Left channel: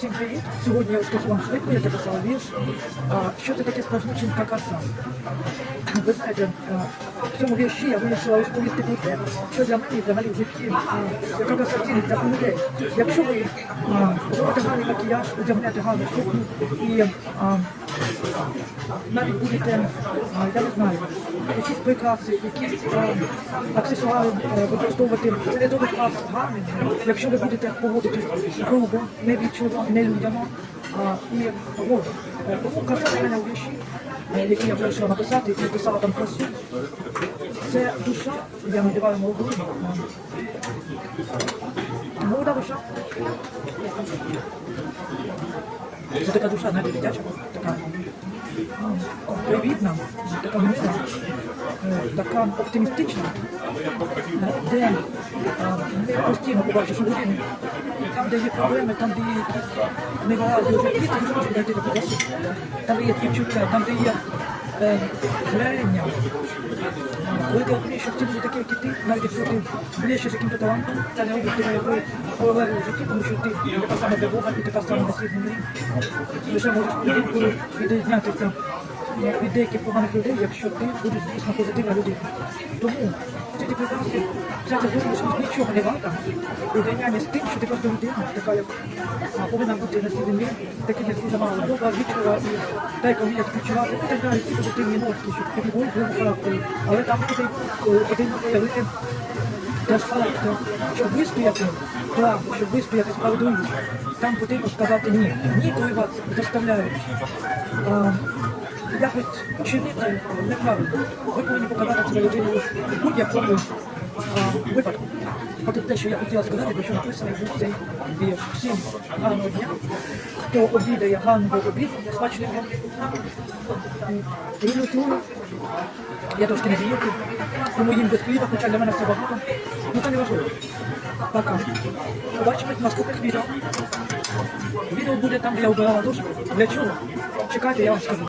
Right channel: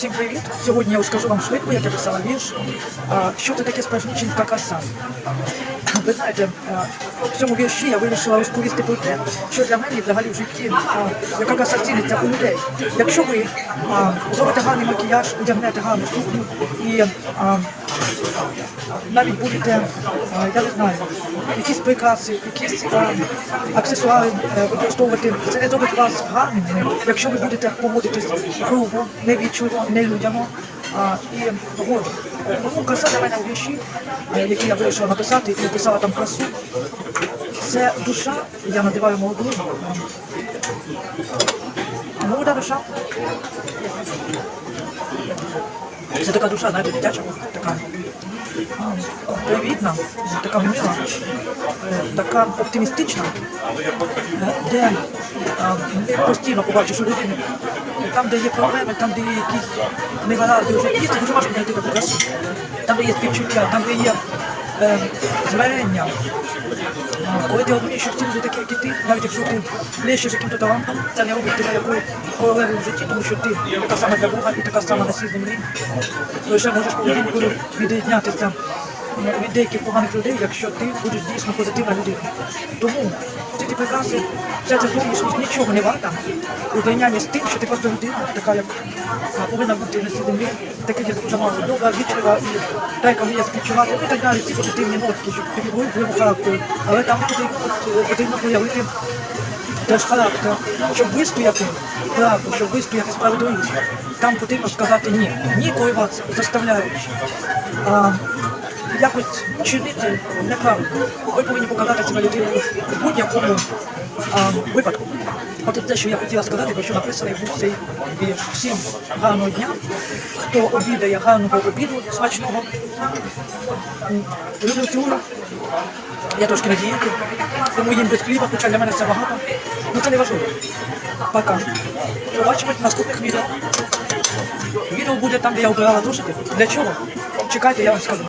Всім привіт! Сьогодні я розкажу вам швидко, як я писала вірш. Що це таке справжніченька краса? Ви знаєте, в цьому вірші я вирішила розповісти про те, що для мене взагалі в житті, яка краса ціниться у людей. Якщо ви зробите гарний макіяж, одягнете гарну сукню і навіть будете, а, я не знаю, якісь прикраси, якісь аксесуари е, використовувати, це не зробить вас гарним, якщо ви будете поводитись грубо, невічливо, нелюдяно. А, і от, е, тому краса для мене вірші, е, які я вирішила написати і написала там красу. Це душа, я називаю молодою. е, Молода душа. Це така душа, навіть дитяча, така привітна, така мила, е, така оптимістична, е, де а, постійно побачиш у людини, е, там, де є проблеми, там, де є якісь негаразди у житті, це дуже важко знайти таку красу. Там, де є співчуття, там, де є е, змирення. Коли ти розумієш, що всі люди такі, як і ти, навіть якщо ти ближче яким-то талантом, це не робить тебе якою королевою в житті, тому що ти така сама для Бога і така сама на цій землі. Лише можеш поведінкою відрізнятися від деяких поганих людей, якщо ти будеш дійсно позитивна людина. Тому ці ті прикраси, вся ця зовнішність нічого не варта у порівнянні з тим, що ти просто людина, така як повинна бути на цій землі, таке є дуже мало добра, вічлива і дайка вміє співчувати, і так далі, всі позитивні нотки, щоб тобі були впливу характеру. Але там потрібно, проявити теж характер, щоб вистояти правду, щоб вистояти справедливість. Там потрібно сказати ні. Ні, коли вас заставляють. Якось чинити неправду. Ви повинні показати себе людиною в будь-якому випадку. От те, що я хотіла сказати, про що написано був цей вірш. Всім гарного дня. Хто обідає гарного обіду смачного. Люблю цю. Я трошки на дієті, тому їм без хліба, хоча для мене це багато. Ну це не важливо. Пока. Побачимось в наступних відео. Відео буде там, де я обирала зошити. Для чого? Чекайте, я вам скажу.